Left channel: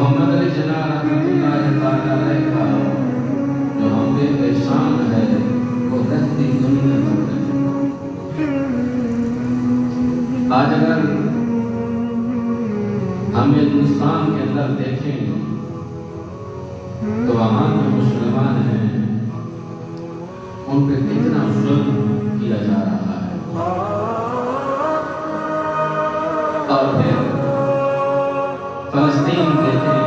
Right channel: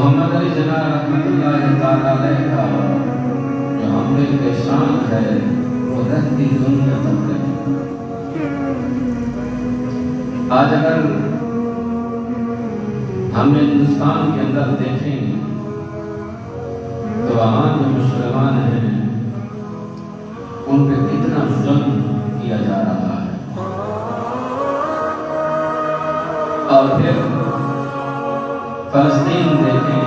محمد علی جناح رحمۃ اللہ تعالیٰ علیہ کا جو ہم پہ احسان ہے وہ رہتی دنیا تک رہے. آج اگر ہم ہندوستان کے اندر دیکھیں تو وہاں جو مسلمان ہیں ان پہ کتنا ظلم کیا جا رہا ہے. اور پھر فلسطین دیکھیں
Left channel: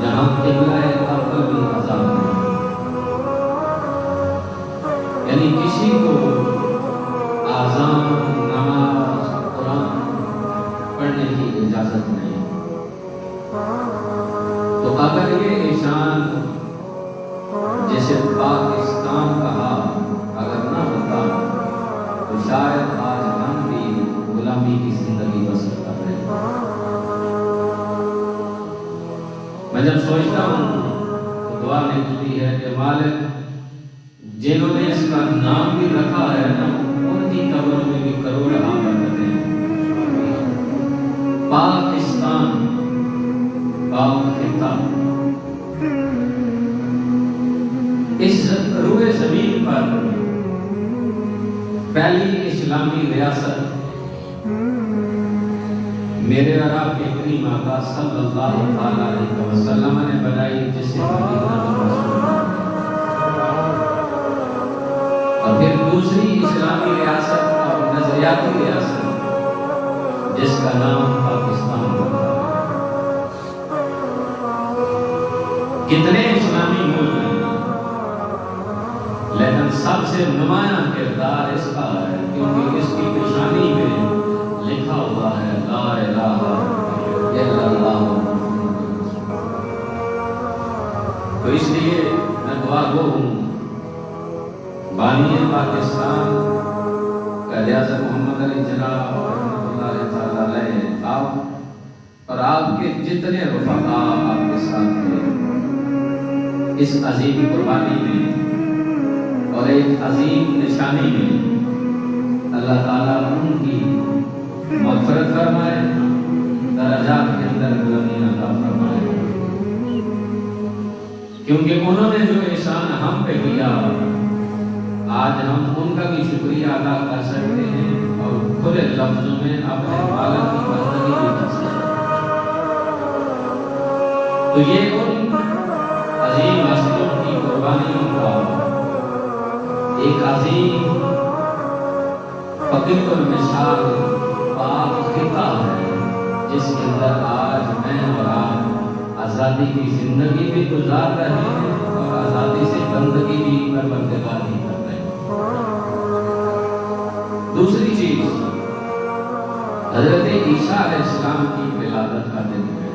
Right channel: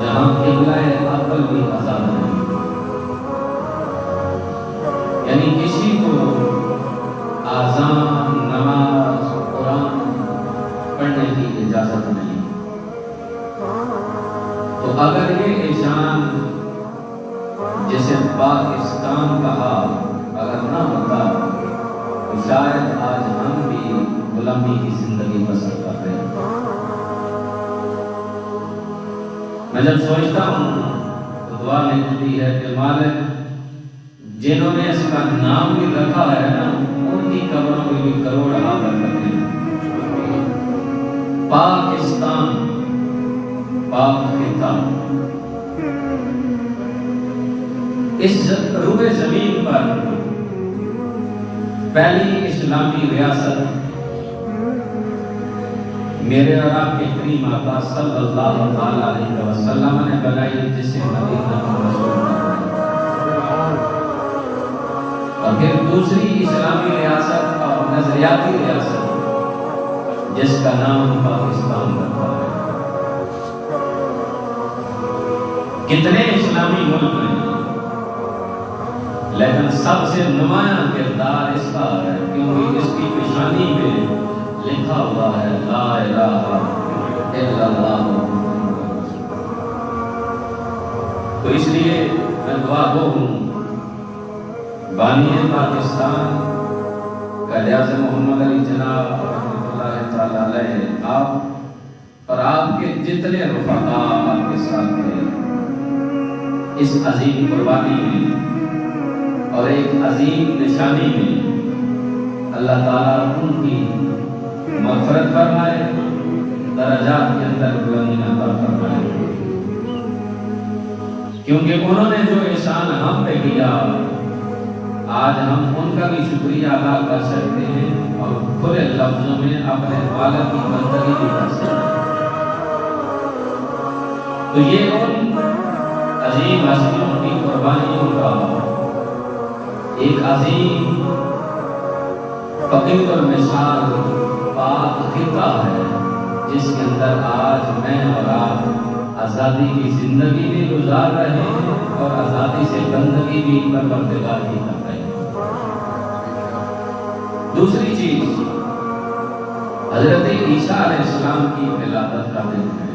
جہاں قبلہ اول بھی آزاد ہے، یعنی کسی کو آذان، نماز، قرآن پڑھنے کی اجازت نہیں. تو اگر یہ احسان جسے پاکستان کہا اگر نہ ہوتا تو شاید آج ہم بھی غلامی کی زندگی بسر کر رہے ہیں. میں جب سوچتا ہوں تو دعا نکلتی ہے کہ مالک جنہوں نے اس کا نام بھی رکھا ہے نا ان کی قبر میں بھی کروڑ آباد کرتے ہیں. پاکستان، پاک خطہ، اس روئے زمین پر پہلی اسلامی ریاست میرے اور آپ کے کریم آقا صلی اللہ علیہ وسلم نے بنائی، جسے مدینہ رسول. اور پھر دوسری اسلامی ریاست اور نظریاتی ریاست جس کا نام پاکستان رکھا ہے. کتنے اسلامی ملک ہیں لیکن سب سے نمایاں کردار اس کا ہے کیونکہ اس کی پیشانی میں لکھا ہوا ہے لا الہ الا اللہ. تو اس لیے میں دعا گو ہوں بانی پاکستان قائد اعظم محمد علی جناح رحمۃ اللہ تعالی علیہ، آپ اور آپ کے جتنے رفقا آپ کے ساتھ تھے اس عظیم قربانی میں اور ایک عظیم نشانی میں، اللہ تعالیٰ ان کی مغفرت فرمائے، درجات کے اندر بلندی عطا فرمائے. کیونکہ انہوں نے جو احسان ہم پہ کیا آج ہم ان کا بھی شکریہ ادا کر سکتے ہیں اور کھلے لفظوں میں اپنے والد کی بندگی بھی کر سکتے ہیں. تو یہ ان عظیم ہستیوں کی قربانیوں کا ایک عظیم فقیر المثال پاک خطہ ہے جس کے اندر آج میں اور آپ آزادی کی زندگی بھی گزار رہے ہیں اور آزادی سے بندگی بھی پروردگار کی کر رہے ہیں. دوسری چیز حضرت عیسیٰ علیہ السلام کی ولادت کا ذکر